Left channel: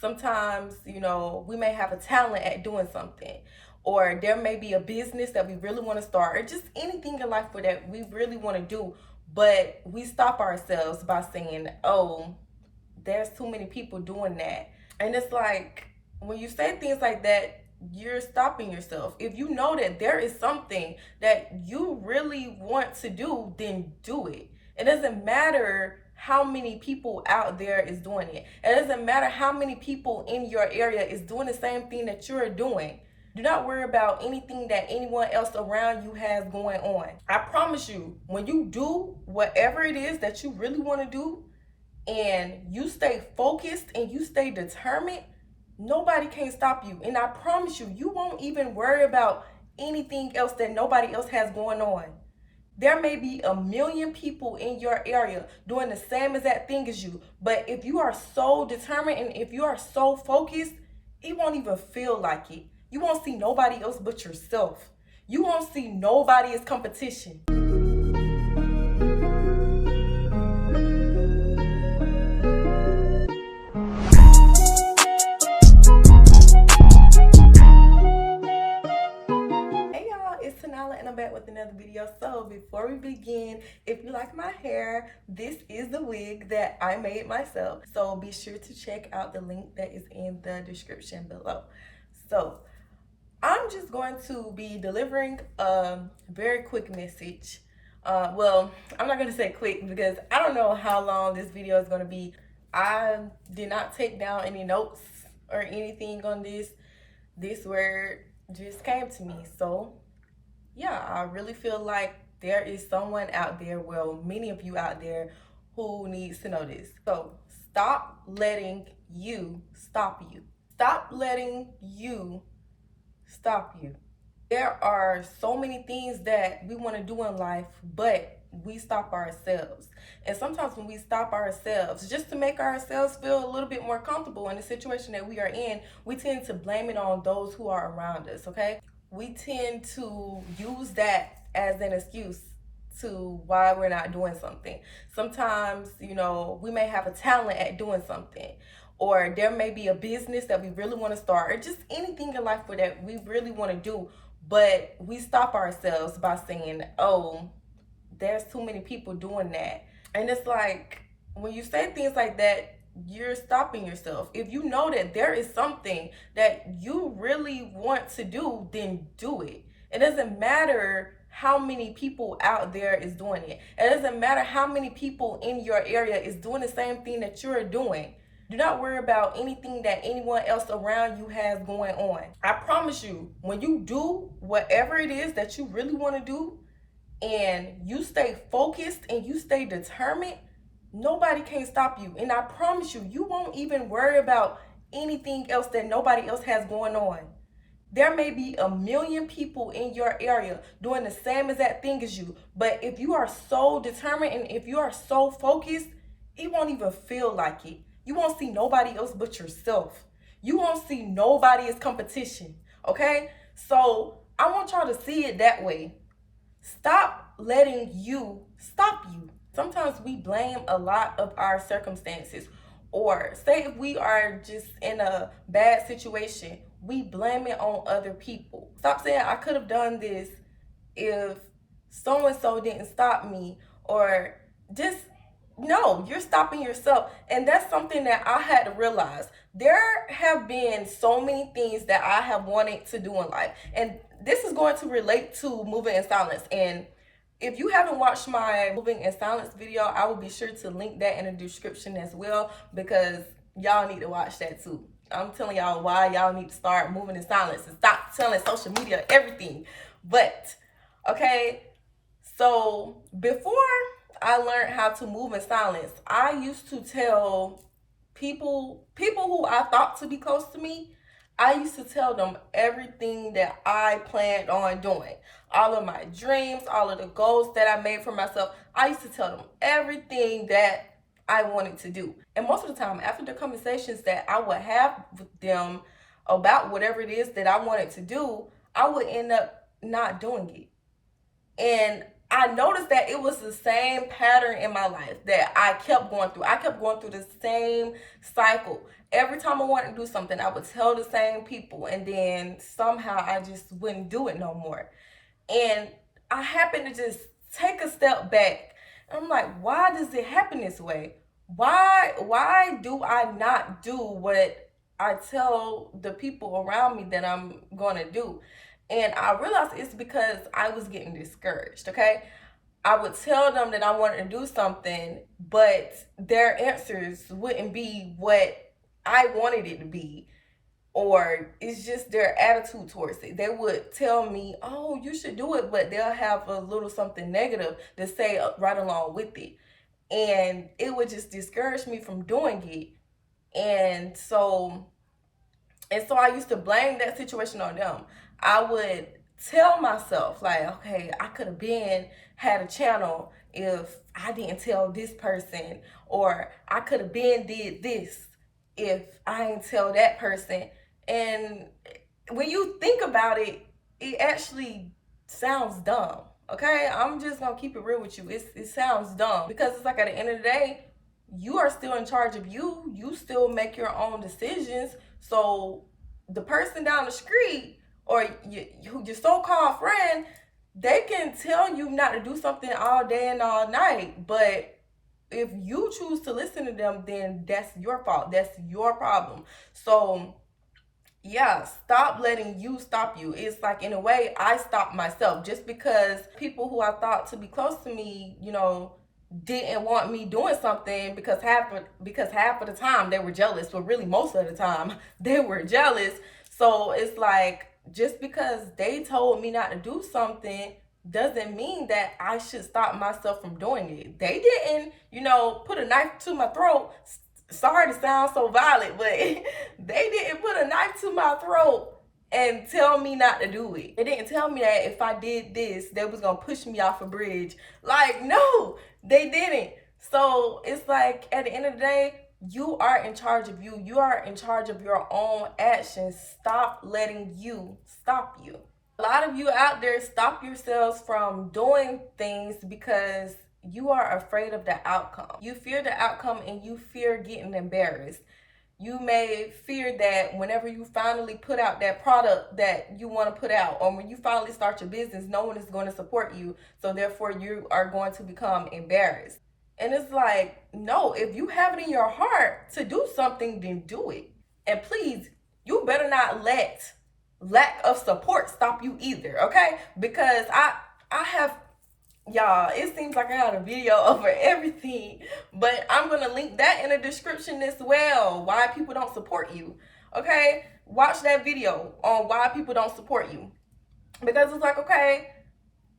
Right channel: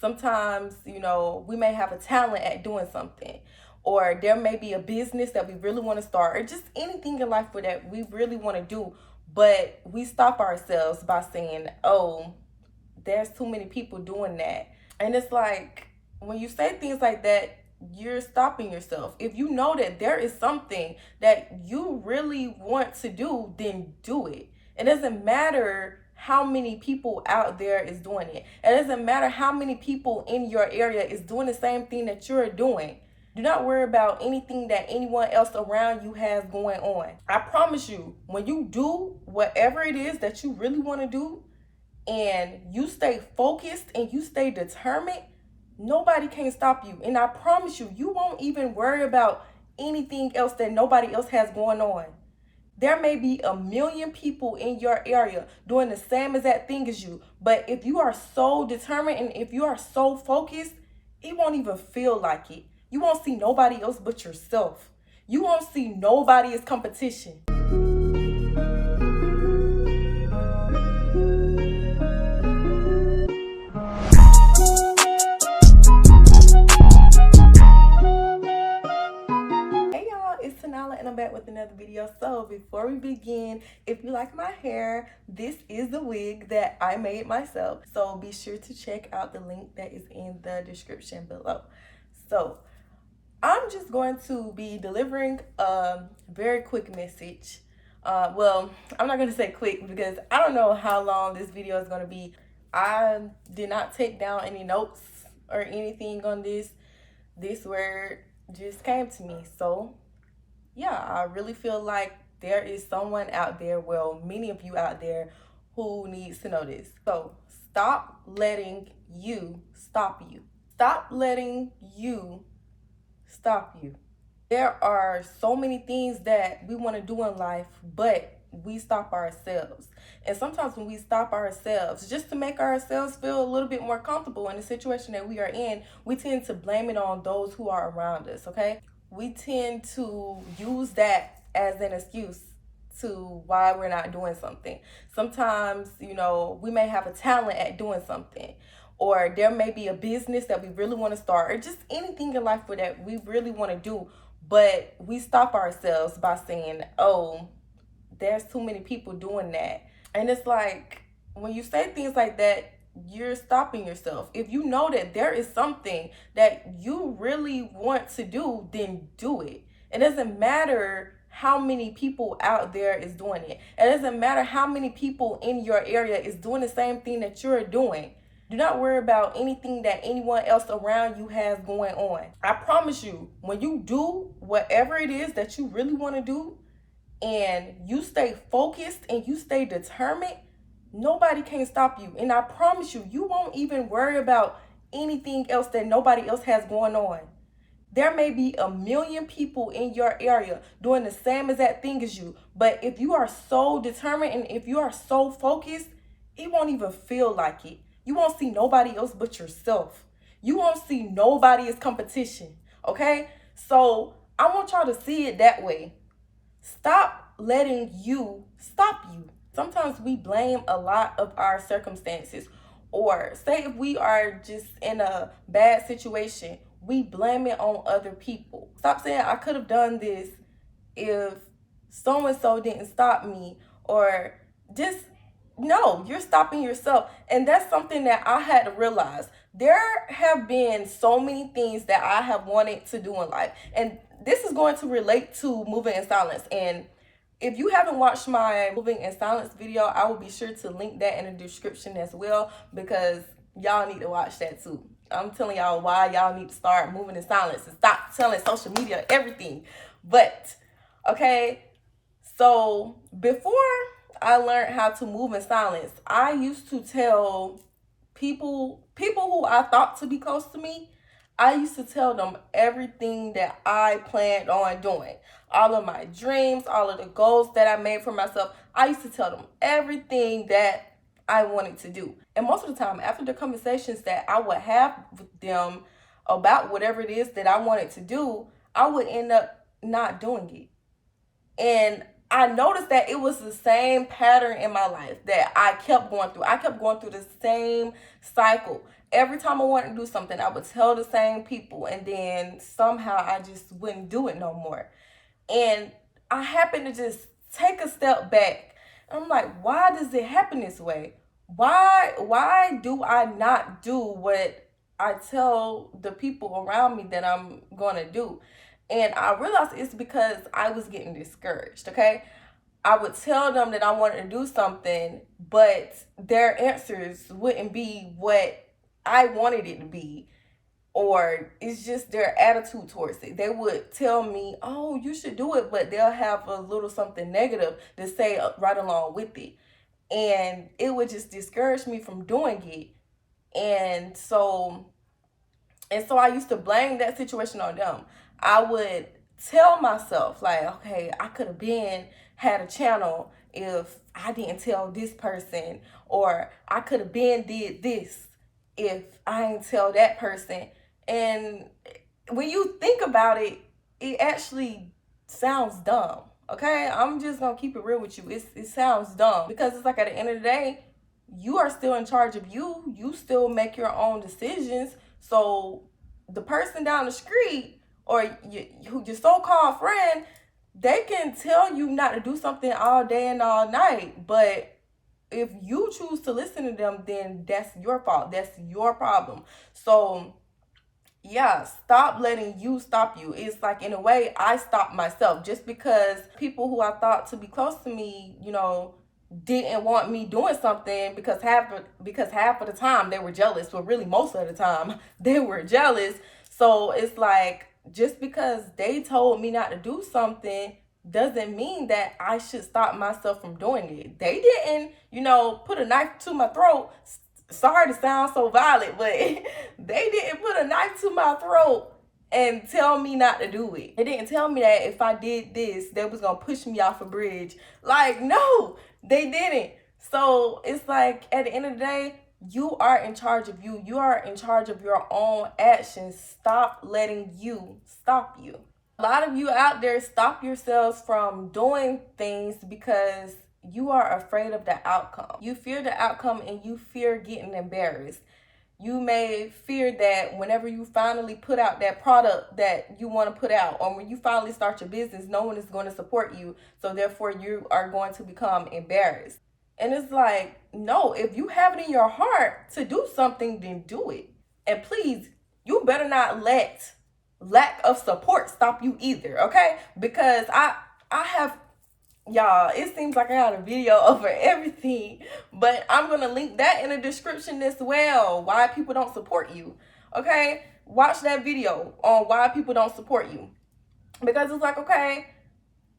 Sometimes, we may have a talent at doing something, or there may be a business that we really want to start, or just anything in life that we really want to do, but we stop ourselves by saying, oh, there's too many people doing that. And it's like, when you say things like that, you're stopping yourself. If you know that there is something that you really want to do, then do it. It doesn't matter how many people out there is doing it. It doesn't matter how many people in your area is doing the same thing that you're doing. Do not worry about anything that anyone else around you has going on. I promise you, when you do whatever it is that you really want to do, and you stay focused and you stay determined, nobody can stop you. And I promise you, you won't even worry about anything else that nobody else has going on. There may be a million people in your area doing the same exact thing as you, but if you are so determined and if you are so focused, it won't even feel like it. You won't see nobody else but yourself. You won't see nobody as competition. It's Tanala and I'm back with another video. So before we begin, if you like my hair, this is the wig that I made myself. So be sure to check out the link that is in the description below. So I'm just going to be delivering a very quick message. Well, I'm not going to say quick because I don't know how long this video is going to be. I did not take down any notes or anything on this. This word just came to me. So yeah, I really feel like there is someone out there, well, many of you out there, who needs to know this. So stop letting you stop you. Stop letting you stop you. There are so many things that we want to do in life, but we stop ourselves. And sometimes when we stop ourselves, just to make ourselves feel a little bit more comfortable in the situation that we are in, we tend to blame it on those who are around us, okay? We tend to use that as an excuse to why we're not doing something. Sometimes, we may have a talent at doing something, or there may be a business that we really want to start, or just anything in life that we really want to do, but we stop ourselves by saying, oh, there's too many people doing that. And it's like, when you say things like that, you're stopping yourself. If you know that there is something that you really want to do, then do it. It doesn't matter how many people out there is doing it. It doesn't matter how many people in your area is doing the same thing that you're doing. Do not worry about anything that anyone else around you has going on. I promise you, when you do whatever it is that you really want to do, and you stay focused and you stay determined, nobody can stop you. And I promise you, you won't even worry about anything else that nobody else has going on. There may be a million people in your area doing the same exact thing as you, but if you are so determined and if you are so focused, it won't even feel like it. You won't see nobody else but yourself. You won't see nobody as competition, okay? So I want y'all to see it that way. Stop letting you stop you. Sometimes we blame a lot of our circumstances, or say if we are just in a bad situation, we blame it on other people. Stop saying I could have done this if so and so didn't stop me, or just no, you're stopping yourself. And that's something that I had to realize. There have been so many things that I have wanted to do in life, and this is going to relate to moving in silence. And if you haven't watched my moving in silence video, I will be sure to link that in the description as well, because y'all need to watch that too. I'm telling y'all why y'all need to start moving in silence and stop telling social media everything. But okay, so before I learned how to move in silence, I used to tell people who I thought to be close to me, I used to tell them everything that I planned on doing. All of my dreams, all of the goals that I made for myself, I used to tell them everything that I wanted to do. And most of the time, after the conversations that I would have with them about whatever it is that I wanted to do, I would end up not doing it. And I noticed that it was the same pattern in my life that I kept going through. I kept going through the same cycle. every time I wanted to do something, I would tell the same people, and then somehow I just wouldn't do it no more. And I happened to just take a step back. I'm like, why does it happen this way? Why do I not do what I tell the people around me that I'm gonna do? And I realized it's because I was getting discouraged, okay? I would tell them that I wanted to do something, but their answers wouldn't be what I wanted it to be, or it's just their attitude towards it. They would tell me, oh, you should do it, but they'll have a little something negative to say right along with it. And it would just discourage me from doing it. And so I used to blame that situation on them. I would tell myself, like, okay, I could have had a channel if I didn't tell this person, or I could have did this if I didn't tell that person. And when you think about it, it actually sounds dumb. Okay, I'm just gonna keep it real with you. It sounds dumb, because it's like, at the end of the day, you are still in charge of you. You still make your own decisions. So the person down the street, or your so-called friend, they can tell you not to do something all day and all night, but if you choose to listen to them, then that's your fault. That's your problem. So yeah, stop letting you stop you. It's like, in a way, I stopped myself just because people who I thought to be close to me, didn't want me doing something, because half of the time they were jealous, but really most of the time they were jealous. So it's like, just because they told me not to do something doesn't mean that I should stop myself from doing it. They didn't, put a knife to my throat. Sorry to sound so violent, but they didn't put a knife to my throat and tell me not to do it. They didn't tell me that if I did this, they was gonna push me off a bridge. Like, no, they didn't. So it's like, at the end of the day, you are in charge of you. You are in charge of your own actions. Stop letting you stop you. A lot of you out there stop yourselves from doing things because you are afraid of the outcome. You fear the outcome, and you fear getting embarrassed. You may fear that whenever you finally put out that product that you want to put out, or when you finally start your business, no one is going to support you. So therefore, you are going to become embarrassed. And it's like, no, if you have it in your heart to do something, then do it. And please, you better not let lack of support stop you either, okay? Because I have, y'all, it seems like I had a video over everything, but I'm going to link that in the description as well, why people don't support you, okay? Watch that video on why people don't support you. Because it's like, okay,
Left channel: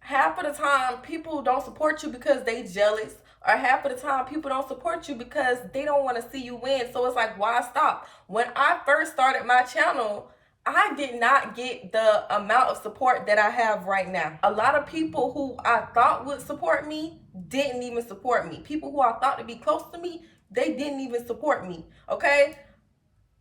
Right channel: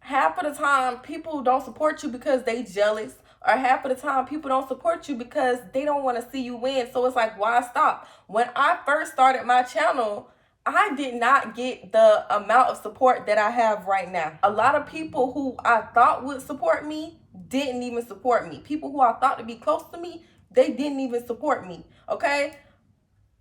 half of the time people don't support you because they jealous, or half of the time people don't support you because they don't want to see you win. So it's like, why stop? When I first started my channel, I did not get the amount of support that I have right now. A lot of people who I thought would support me didn't even support me. People who I thought to be close to me, they didn't even support me, okay?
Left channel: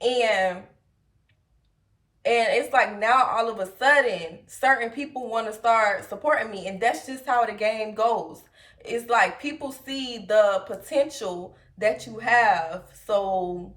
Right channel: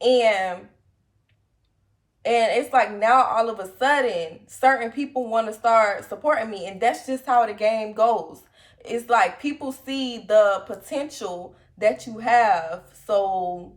And it's like, now all of a sudden, certain people want to start supporting me, and that's just how the game goes. It's like, people see the potential that you have, so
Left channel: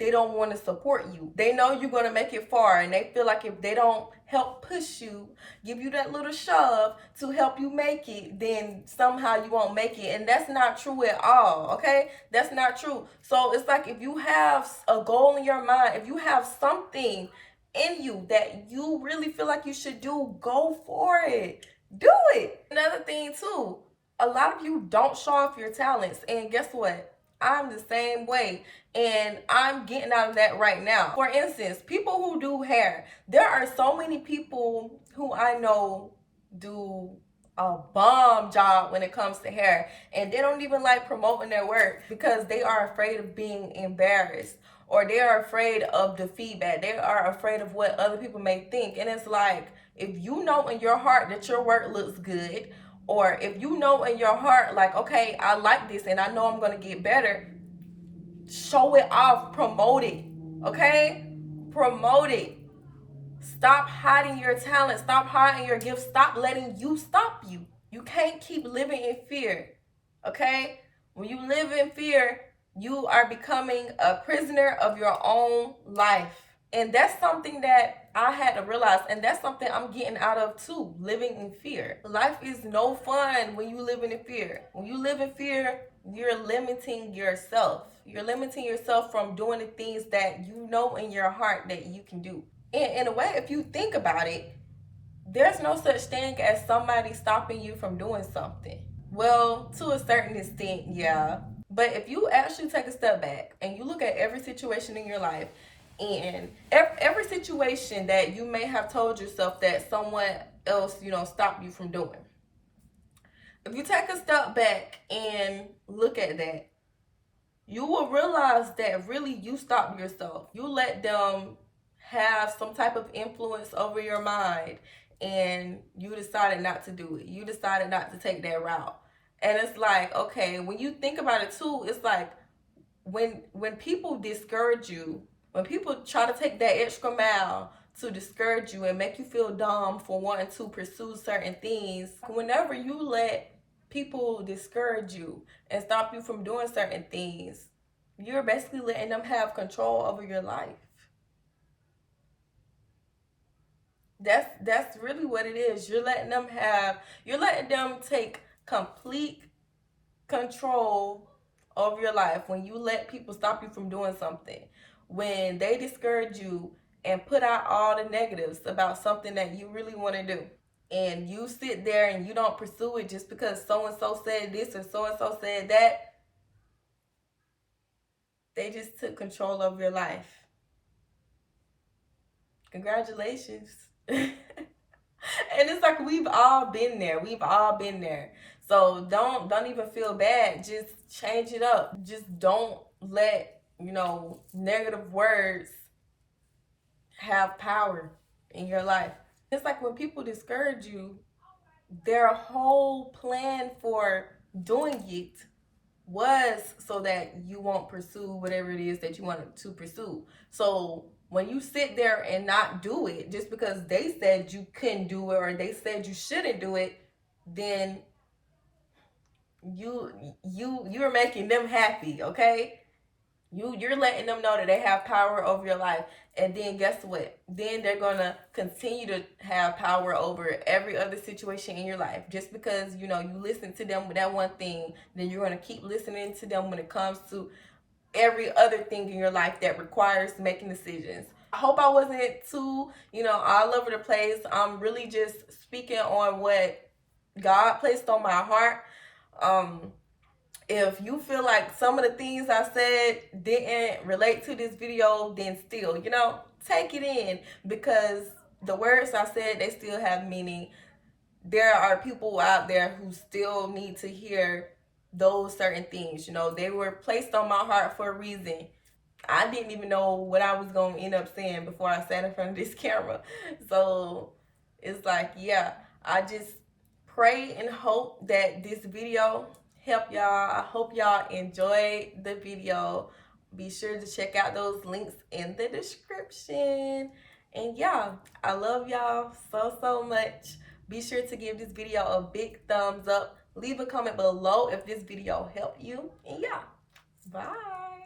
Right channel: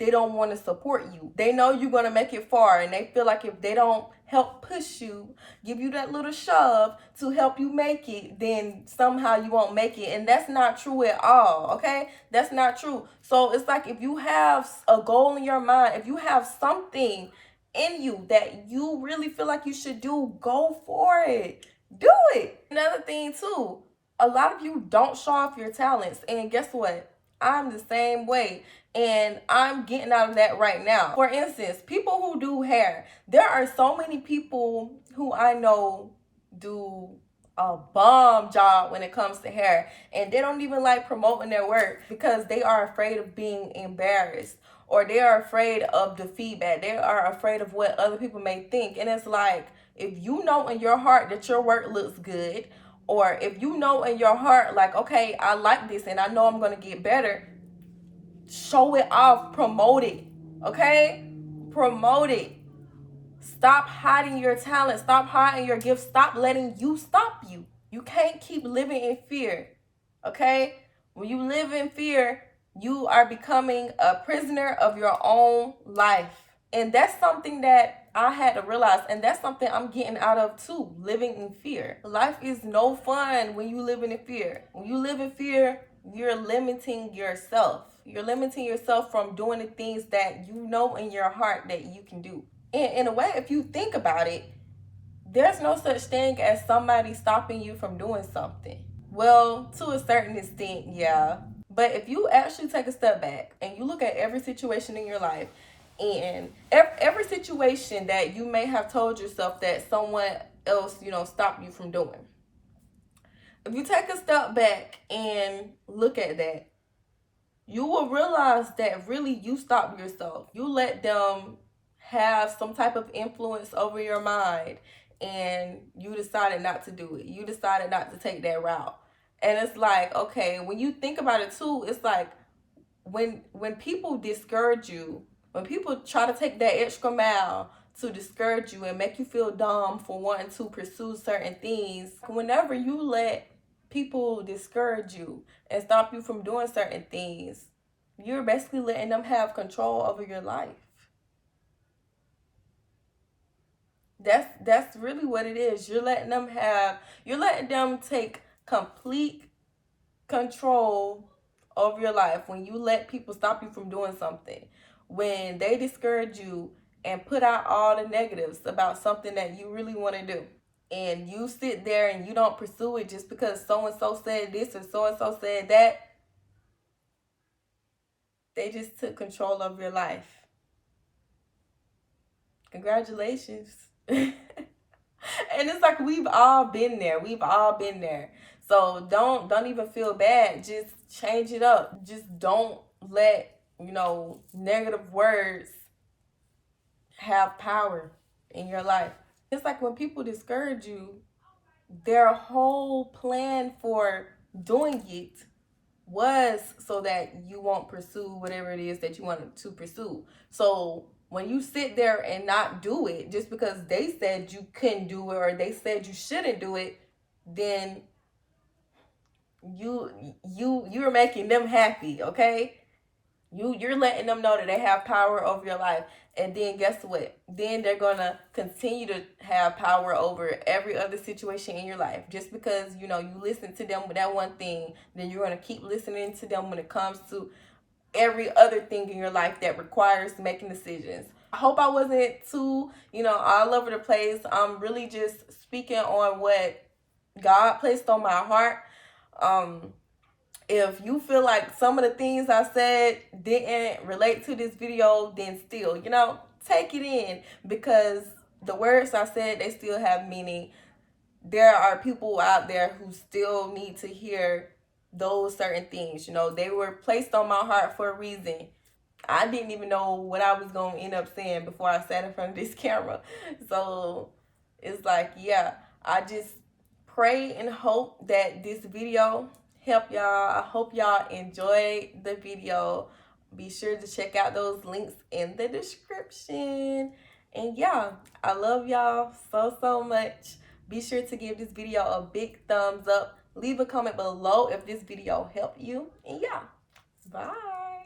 they don't want to support you. They know you're going to make it far, and they feel like if they don't help push you, give you that little shove to help you make it, then somehow you won't make it. And that's not true at all, okay? That's not true. So it's like, if you have a goal in your mind, if you have something in you that you really feel like you should do, go for it. Do it. Another thing too, a lot of you don't show off your talents, and guess what? I'm the same way, and I'm getting out of that right now. For instance, people who do hair, there are so many people who I know do a bomb job when it comes to hair, and they don't even like promoting their work because they are afraid of being embarrassed, or they are afraid of the feedback. They are afraid of what other people may think. And it's like, if you know in your heart that your work looks good, or if you know in your heart, like, okay, I like this and I know I'm going to get better, show it off, promote it, okay? Promote it. Stop hiding your talent. Stop hiding your gifts. Stop letting you stop you. You can't keep living in fear, okay? When you live in fear, You are becoming a prisoner of your own life. And that's something that I had to realize, and that's something I'm getting out of too, living in fear. Life is no fun when you live in fear. When you live in fear, you're limiting yourself. You're limiting yourself from doing the things that you know in your heart that you can do. And in a way, if you think about it, there's no such thing as somebody stopping you from doing something. Well, to a certain extent, yeah. But if you actually take a step back and you look at every situation in your life, and every situation that you may have told yourself that someone else, stopped you from doing. If you take a step back and look at that, you will realize that really you stopped yourself. You let them have some type of influence over your mind, and you decided not to do it. You decided not to take that route. And it's like, okay, when you think about it too, it's like when people discourage you, when people try to take that extra mile to discourage you and make you feel dumb for wanting to pursue certain things, whenever you let people discourage you and stop you from doing certain things, you're basically letting them have control over your life. That's really what it is. You're letting them take complete control over your life when you let people stop you from doing something. When they discourage you and put out all the negatives about something that you really want to do, and you sit there and you don't pursue it just because so and so said this or so and so said that, they just took control of your life. Congratulations. And it's like we've all been there. So don't even feel bad. Just change it up. Just don't let, negative words have power in your life. It's like when people discourage you, their whole plan for doing it was so that you won't pursue whatever it is that you want to pursue. So when you sit there and not do it just because they said you couldn't do it or they said you shouldn't do it, then you're making them happy, okay? You're letting them know that they have power over your life. And then guess what? Then they're going to continue to have power over every other situation in your life. Just because, you listen to them with that one thing, then you're going to keep listening to them when it comes to every other thing in your life that requires making decisions. I hope I wasn't too, all over the place. I'm really just speaking on what God placed on my heart. If you feel like some of the things I said didn't relate to this video, then still, take it in, because the words I said, they still have meaning. There are people out there who still need to hear those certain things. They were placed on my heart for a reason. I didn't even know what I was going to end up saying before I sat in front of this camera. So it's like, yeah, I just pray and hope that this video help y'all. I hope y'all enjoyed the video. Be sure to check out those links in the description. And yeah, I love y'all so much. Be sure to give this video a big thumbs up. Leave a comment below if this video helped you. And yeah, bye.